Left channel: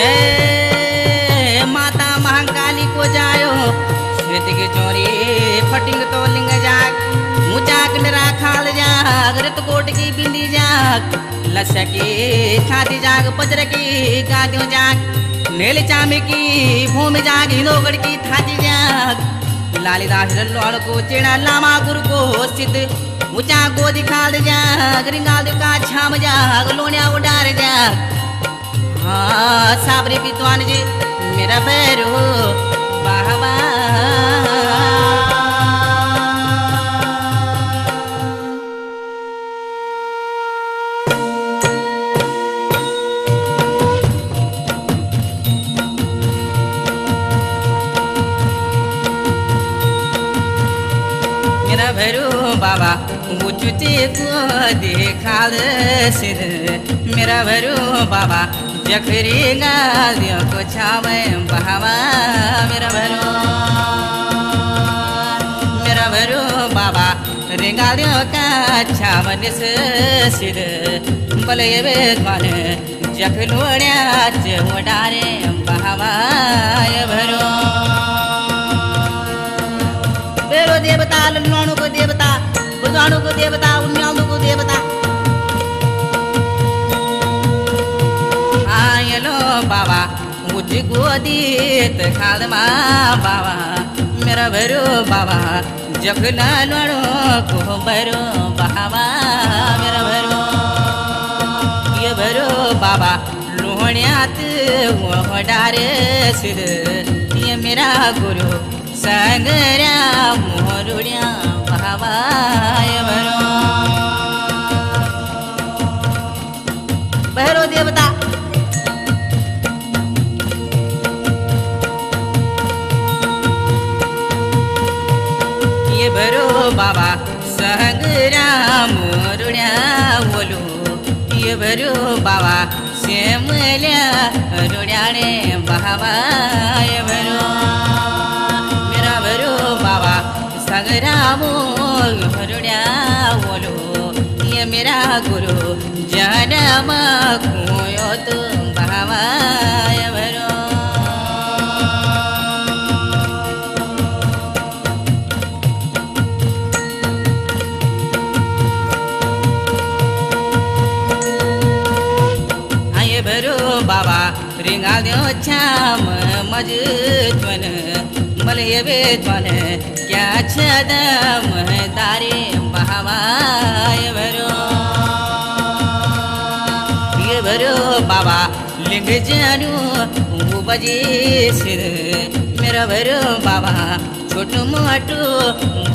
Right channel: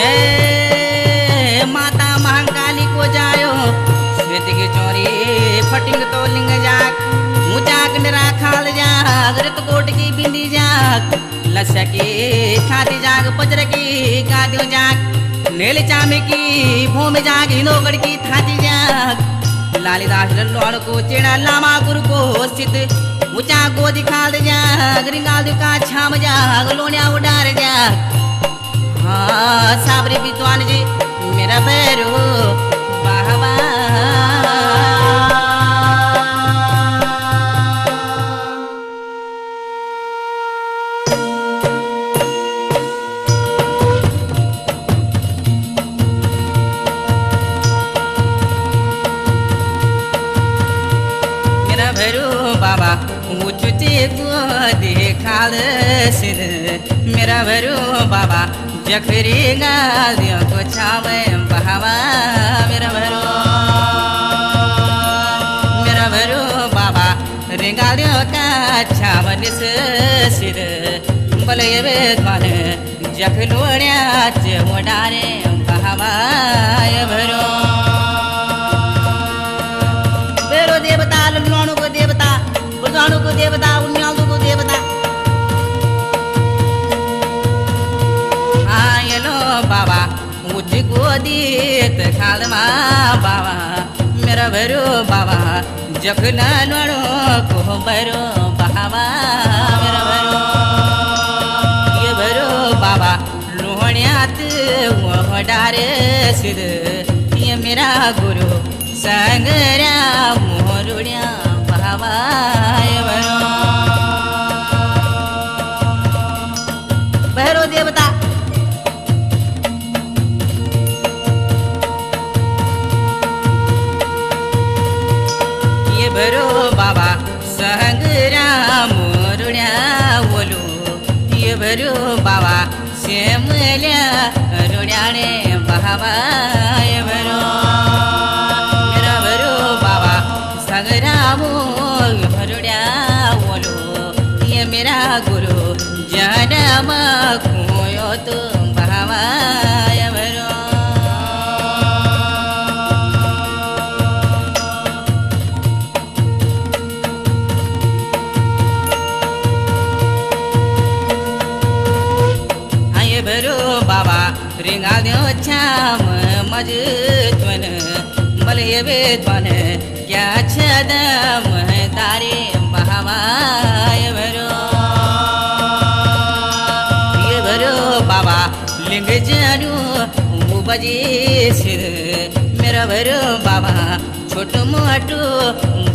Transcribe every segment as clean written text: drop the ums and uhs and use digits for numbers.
जय माता महाकाली को जायो श्वेत की चोरी फटिंग तो लिंग जाग मुचाक निरा खाल जाग रत कोट की बिंदी जाग लस्य की खाती जाग पजर की गादियों जाग नील चामे की भूमि जाग हिनोगढ़ की थाती जाग लालीदास लल्लोड़ को चेड़ा लामा गुरु को सिद्ध ऊंचा गोदी खाल जाग रिंगाल का छाम जाग लोनिया उडार जाग हाँ साबरी विद्वान जी मेरा भैरो बाबा मेरा भैरो बाबा ऊंचे को देखाल सिर मेरा भैरो बाबा जखरी गालियों को छावे बहावा मेरा भरो बाबा रेंगालियों का छावन सिर बले बेदमान जखलोड़िया चोडारे बहावा भरो बेरो देवता लल्लोणु को देवता बुर्जाणु को देवता उन्यालु को देवता आयलो बाबा मुझ गोदीत खाल मा बाबा मेरा भरो बाबा जखना लड़ो को भरो बाबा मेरा भरो ये भरो बाबा लोहण्यात वो डारे सिर ये मेरा गुरु संगरा मोरुड़िया बाबा ये भरो देवता ये भरो बाबा संगरा मोरुड़िया बोलो ये भरो बाबा श्यामल्या रुड़ियाने बाबा ये भरो मेरा भरो बाबा संगरा मोरुड़िया बोलो ये मेरा गुरु जन्म खोयो तो बाबा ये भरो भरो बाबा रिंगा दो छाम मजत्वन मले वेदवन क्या छदम तारे बाबा ये भरो बाबा लिंग जानू बजे सिर मेरा भरो बाबा छोटू मोटू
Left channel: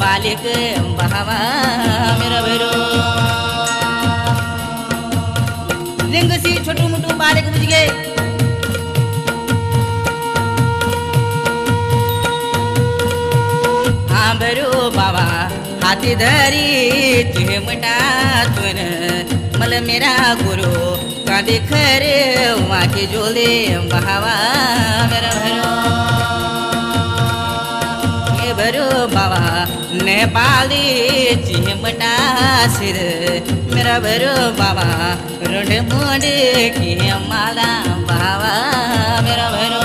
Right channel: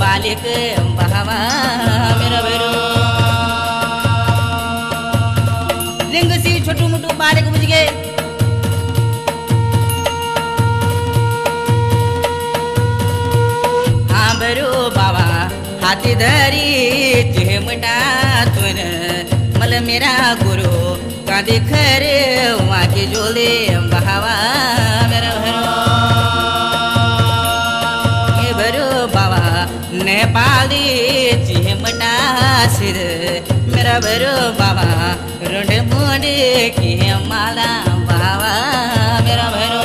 बालिक बाबा मेरा भरो लिंग सी छोटू मोटू बालिक बुझ गए हाँ भरो बाबा हाथी धरी चिमटा तुन मल मेरा गुरु कांदे खरे वहाँ के जोले बहावा मेरा भरो ये भरो बाबा नेपाली चिमटा सिर मेरा भरो बाबा रुंड मुंडे की माला बाबा मेरा भरो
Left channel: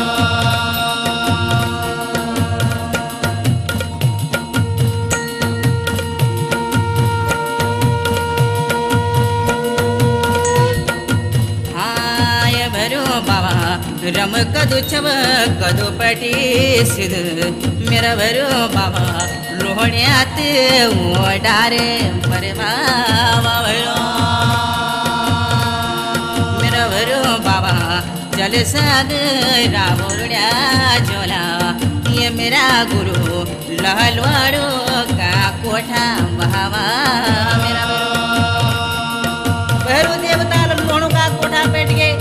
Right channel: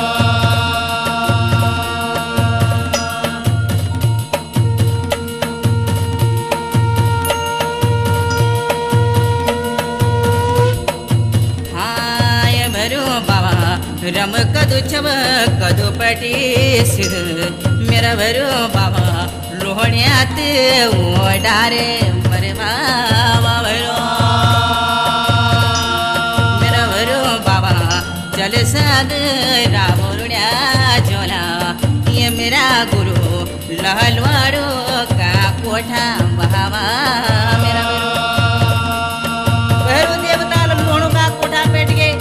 हाँ ये भरो बाबा रम कदू छव कदू पटी सिर मेरा भरो बाबा लोहड़ियात वो डारे मरे बाबा भरो मेरा भरो बाबा चल सद रावुड़िया झोला ये मेरा गुरु लहलवाड़ो का कोठा बाबा मेरा भरो देवता लल्लोणों का कोठा पेट गए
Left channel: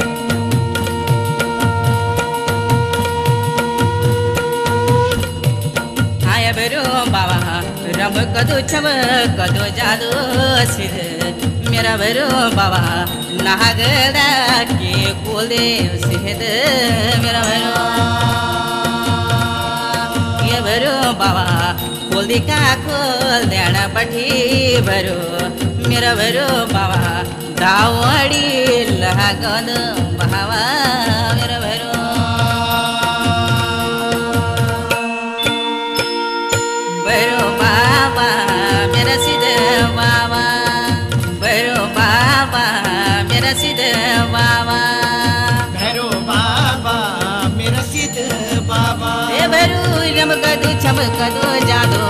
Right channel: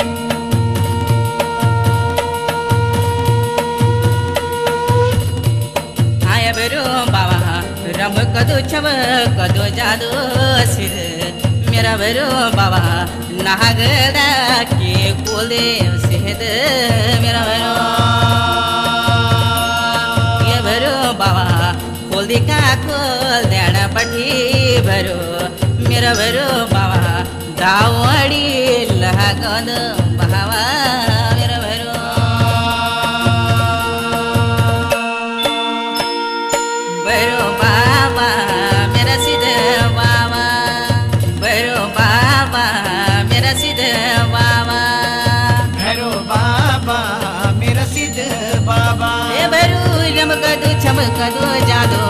आया भरो बाबा रब कदो छव कदो जादो सिर मेरा भरो बाबा नागदा के कोले सेहद मेरा भरो ये भरो बाबा जल्दी का खोल देना पठी भरो मेरा भरो बाबा दावड़ी लागद बाबा मेरा भरो भरो बाबा मेरा सीधे बाबा भरो बाबा मेरा सीधे बाबा ए भरू रमकदू चमकदू जादू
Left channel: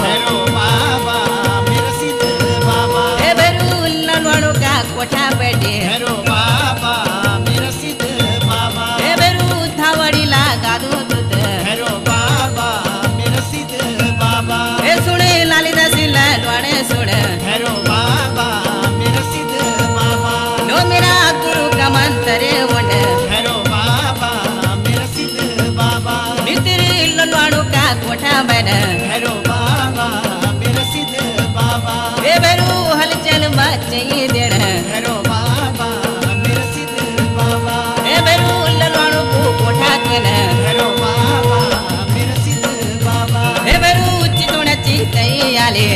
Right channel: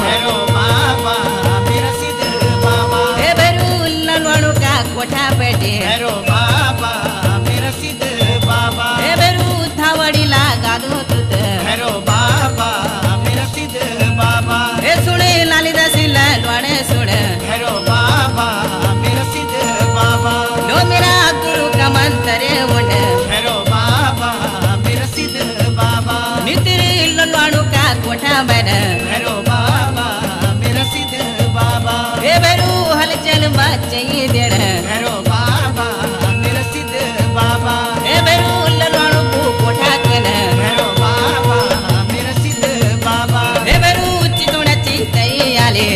ए भरू ललवाणू का कोठा पेटे ए भरू थावड़ी लगादू तुत ए सुने लाली दसी ललवाणे सुने लो मेरा गुरु का मंत्र उंड नितरी ललवाणू का कोठा बन ए भरू हलचल मचाई देण ए भरू ललवाणू को कोठा कन ए भरू चितोण चितई आले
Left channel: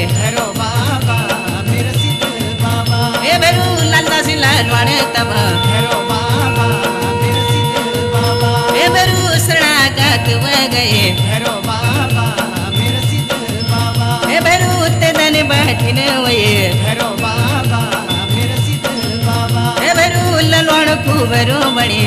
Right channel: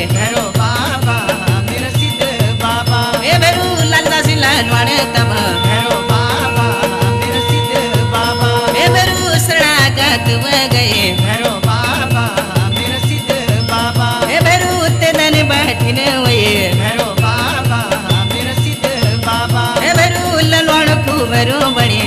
ए भरू लालदासी ललवाणे तब ए भरू शरणागत व गए ए भरू तेदन बैठिन वये ए भरू ललवाण खूबरू बड़े